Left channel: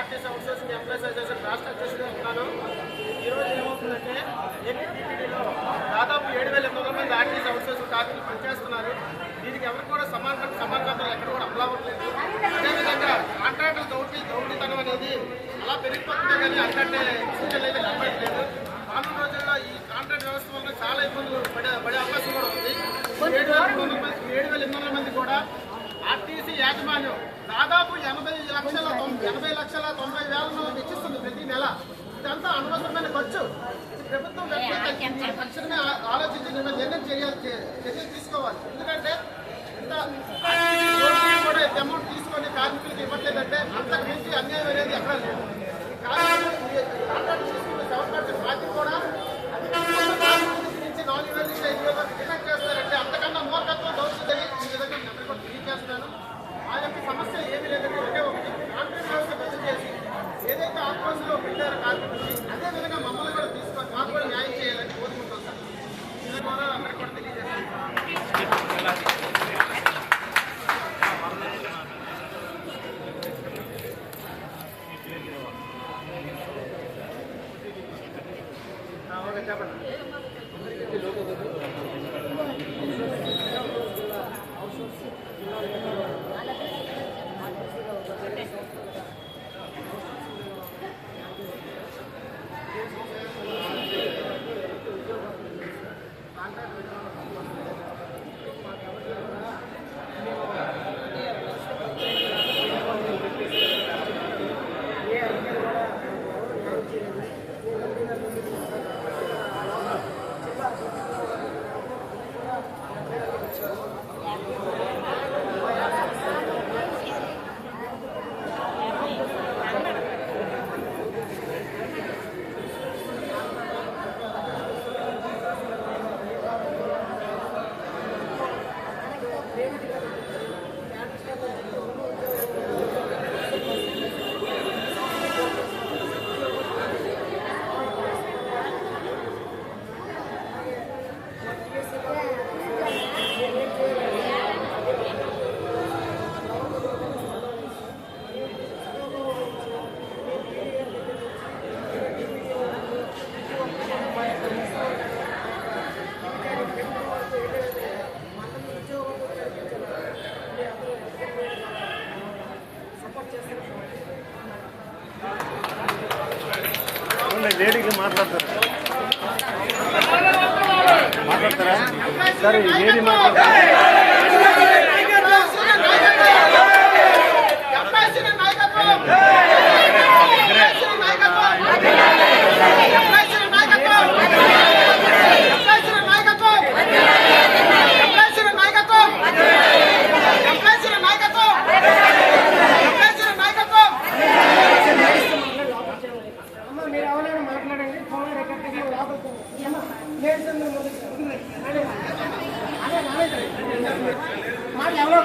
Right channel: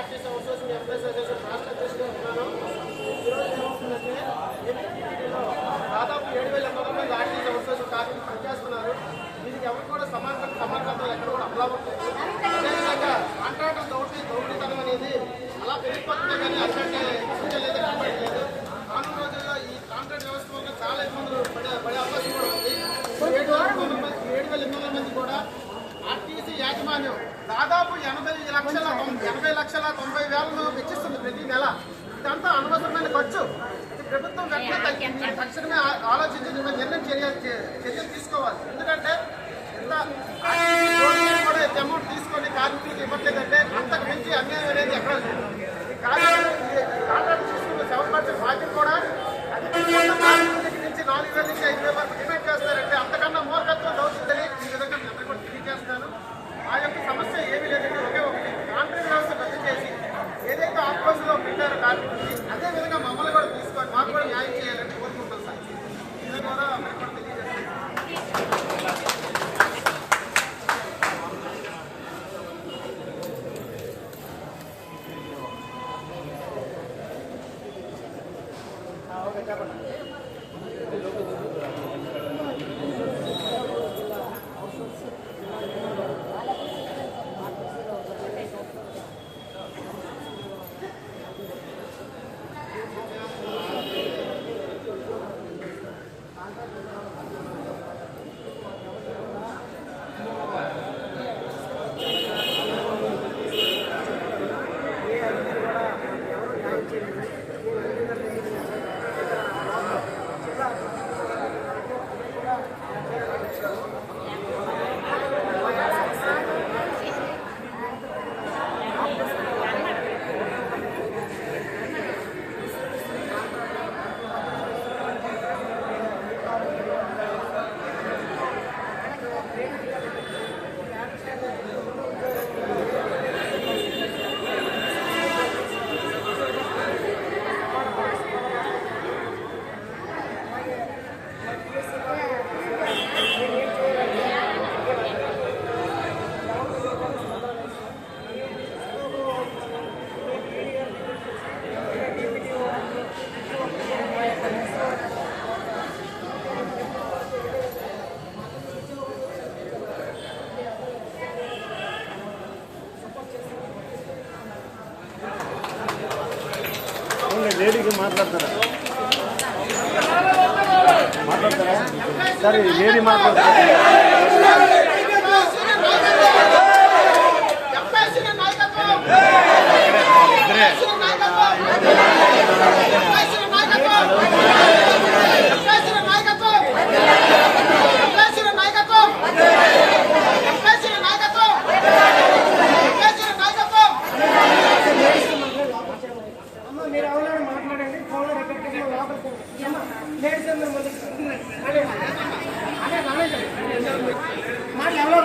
RTC outsourcing employees association రాష్ట్ర అధ్యక్షుడిగా ఉన్నాను. ఈరోజు ఏమవుతుందంటే ఏపీటీడీలో దాదాపు 7,800 మంది ఆర్టీసీ అవుట్సోర్సింగ్ కార్మికులు పనిచేస్తున్నారు. దీనికి ఎవరికి కూడా సమానతలు ఎక్కడ కూడా అమలు అవ్వట్లేదు. అదేవిధంగా కాంట్రాక్టుల దౌర్జన్యం అనేది అలా పెరిగిపోతుంది కానీ అరికట్టే సూచనలు అయితే కనబడట్లేదు. రానున్న రోజుల్లో ఈ కాంట్రాక్ట్ వ్యవస్థ వల్ల చాలా ఇబ్బందులు పడే అవకాశం కూడా ఉంది. 7,800 మంది కూడా ఆర్టీసీ యాజమాన్యం దాదాపు 80,90,000 వెచ్చిస్తుంది ప్రతి నెల. ఇదంతా అనవసరమైన ఖర్చు. ప్రభుత్వం వెంటనే తక్షణమే ఆలోచించి చర్యలు తీసుకోవాలి. ఎందుకంటే ఇంత కూడా అమౌంట్ తీసుకొని కార్మికులకు ఇవ్వట్లేదంటే అంతకు మించి అన్యాయం అనేది ఎక్కడ లేదు. ఈ కార్మికులు కాంట్రాక్ట్ తీసుకున్న 7% బాధ్యత కూడా అది కార్మికుల దగ్గర నుంచి 4,000 నుంచి 5,000 వరకు డిమాండ్ చేస్తారంటే అంతకన్నా మూర్ఖత్వం దౌర్జన్యం ఈ విధంగా నేను అందరికీ కూడా తెలియజేస్తున్నాను. ఆ యొక్క సమస్య ఏమీ లేదంటే ఒకే ఒకటి కాంట్రాక్ట్ వ్యవస్థ రద్దు చేసి ఏదైతే ఆఫీసులో పెట్టారో కార్మికులకి అదే విధంగా మమ్మల్ని కూడా తీసుకొని మాకు కూడా న్యాయం చేయాలని కోరుకుంటాం సార్. ఇది కూడా అందరికీ కూడా తెలియజేస్తాను. ఓకే చెప్పండి. లేడీకి మాట్లాడతారా సరే లేడీ మాట్లాడతారా మాట్లాడండి.